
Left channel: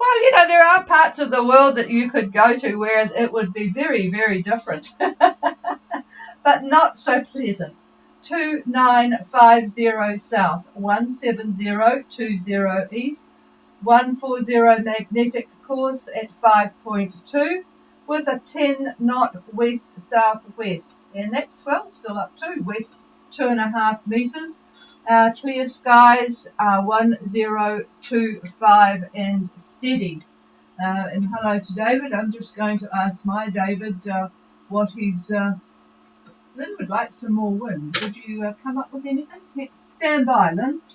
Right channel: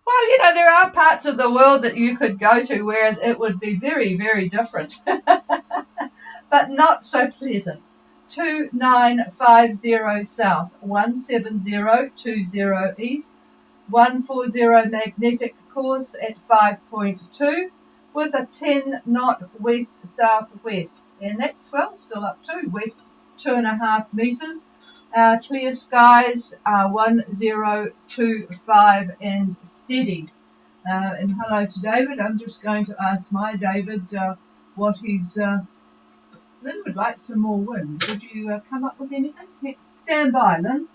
Well, you know, there are parts of the world that you could go to where it would be very, very different, but not so pleasant. 2950 south, 17020 east, 140 magnetic course at 5.2 with a 10 knot west southwest, and that's well still up to west 2.5 meters. Clear skies 1025 and steady. And hello to David. I'm just going to ask my David what he's. Lynn would like some more wind. Would you come up with anything? Stand by, Lynn.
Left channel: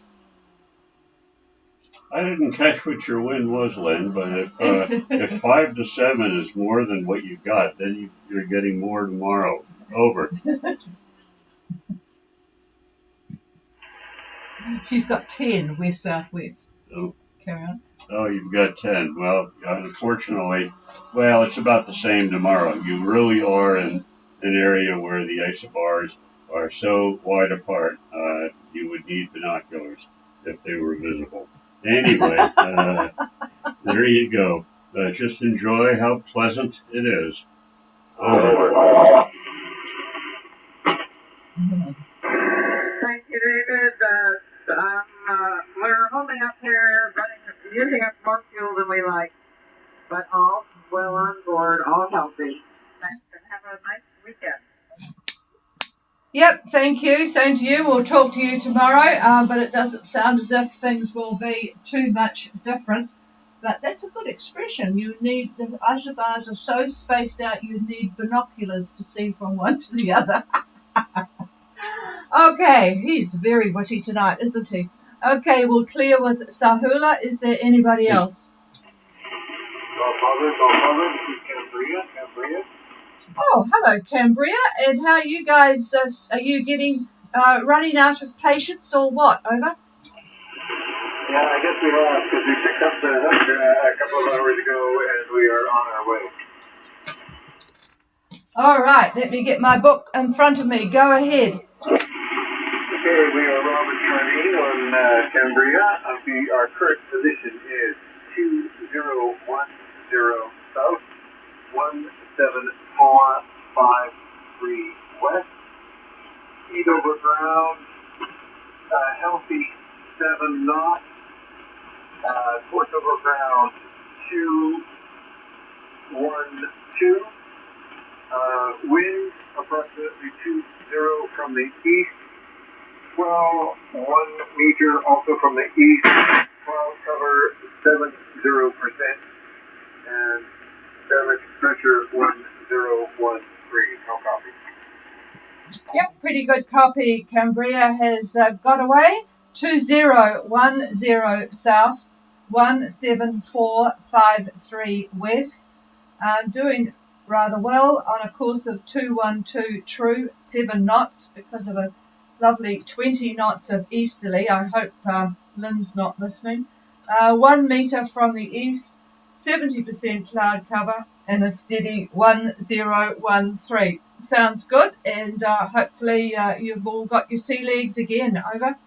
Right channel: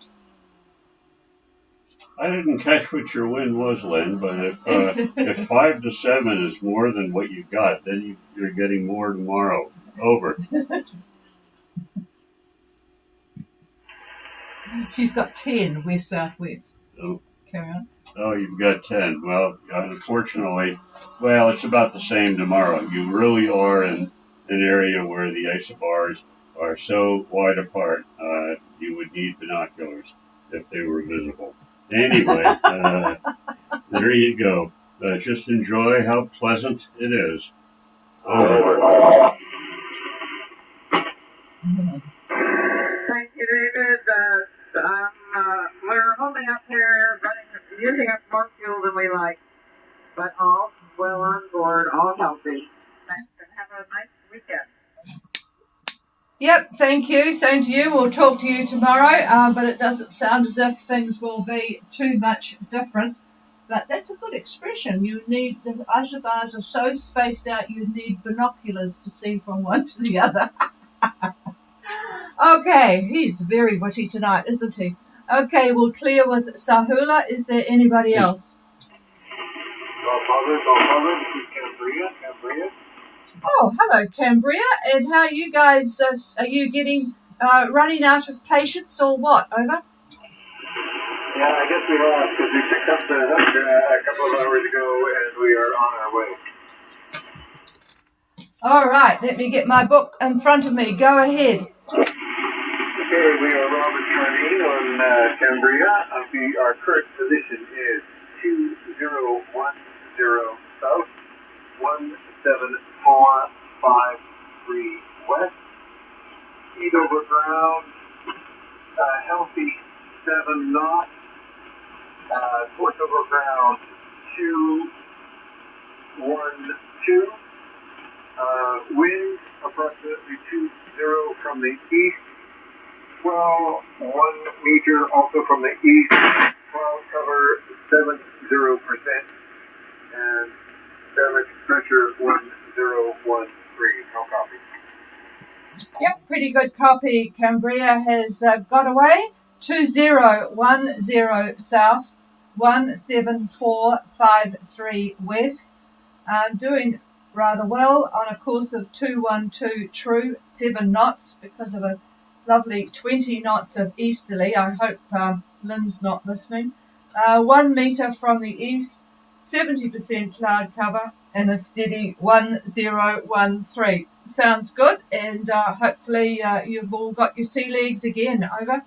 I didn't catch what your wind was, Len, but if 5 to 7 is more than what you got, then you're getting more tomorrow. Over. She's got 10 west southwest. Oh, Karen. you've got 10. Well, unfortunately, well, it's about the same tomorrow. You really are in an area where the isobars are so wide apart, you would need binoculars if they were visible. Anyway, there you go. Just enjoy how pleasant it is. Over. Thank you, David. We're holding up here, but you get more fuel than we like. But all well on board, all healthy. Thanks, and have a nice weekend. Yep, thank you. Same to you. We'll talk to you tomorrow, but it doesn't sound as if things will be too much different. But that's a good expression. You need, the isobars are so spaced out, you need binoculars to see from one to the other. Okay, he's very witty tonight, isn't he? Okay, we'll clear with Sahula. Is there anybody else? Oh, hello, Cambria. And how are you guys? Are you getting running out of patience or what? Over? Yeah, I guess we are, because we picked up the weather a couple of hours ago and we are on our way. All right, let me get my book in front of me. Go ahead. Okay, we are on Cambria. Our current position is 2010 south, 17453 west. Speed over ground, healthy 7 knots. Force over ground 212. Wind approximately 20 from the east. 1 meter also from the east. Cloud cover 70%. And surface pressure 1013. No copy. Yep, pretty good copy. Cambria has got away. 2010 south, 17453 west. Doing rather well on a course of 212 true, 7 knots because of a lovely 20 knots of easterly. I hope Lynn's not listening. 1 meter from the east, 70% cloud cover, and a steady 1013. Sounds good, and hopefully you've all got your sea legs again. Over.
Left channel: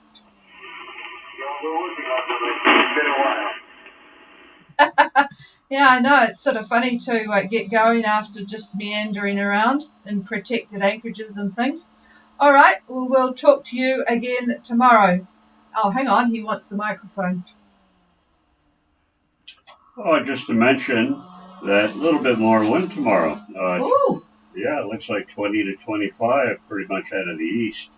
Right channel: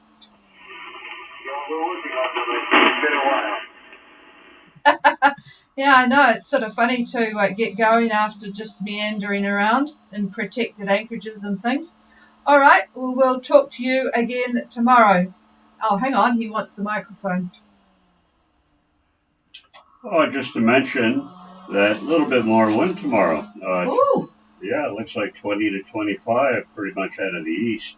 Yeah, I know, it's sort of funny to get going after just meandering around in protected anchorages and things. All right, we'll talk to you again tomorrow. Oh, hang on, he wants the microphone. Oh, just to mention that a little bit more wind tomorrow. Yeah, it looks like 20 to 25, pretty much out of the east.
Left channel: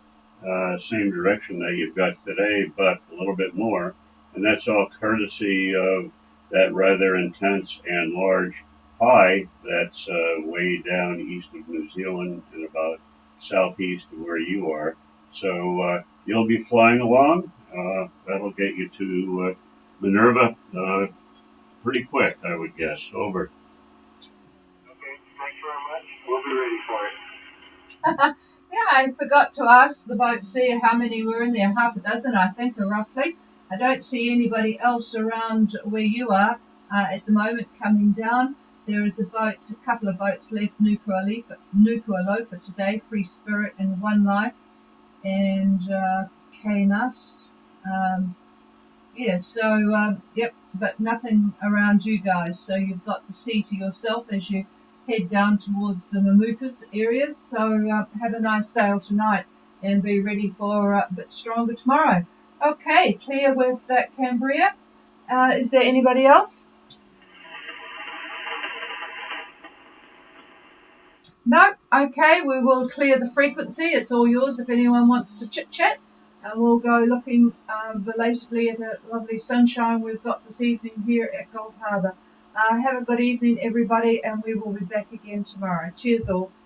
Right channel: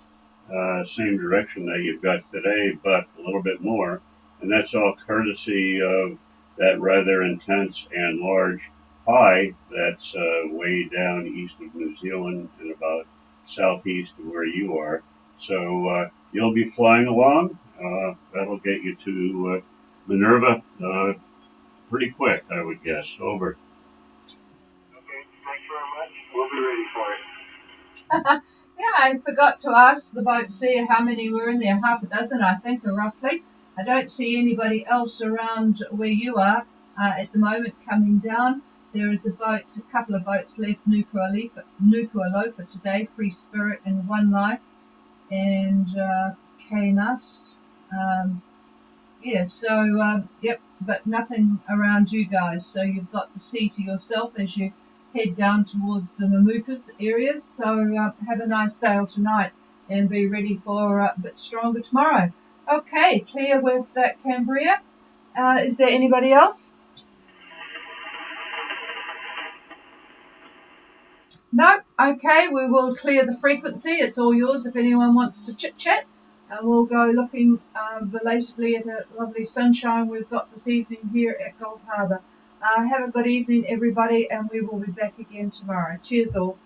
Same direction that you got today, but a little bit more. And that's all courtesy of that rather intense and large high that's way down east of New Zealand and about southeast of where you are. So you'll be flying along. That'll get you to Minerva pretty quick, I would guess. Over. Yeah, I forgot to ask the boats there how many were in there. Half a dozen, I think, roughly. I don't see anybody else around where you are at the moment coming down. There is a couple of boats left, Nuku'alofa for today, Free Spirit and One Life, and Kainas. Yep, but nothing around you guys. So you've got the sea to yourself as you head down towards the Mamuthas areas. So have a nice sail tonight and be ready for a bit stronger tomorrow. Okay, clear with Cambria. Is there anybody else? No? Okay, we will clear the frequency. It's all yours if anyone wants to chit-chat. And we'll go looking belatedly at the lovely sunshine we've got this evening here at Gulf Harbour. Have a good evening, everybody, and we will be back again tomorrow. Cheers all.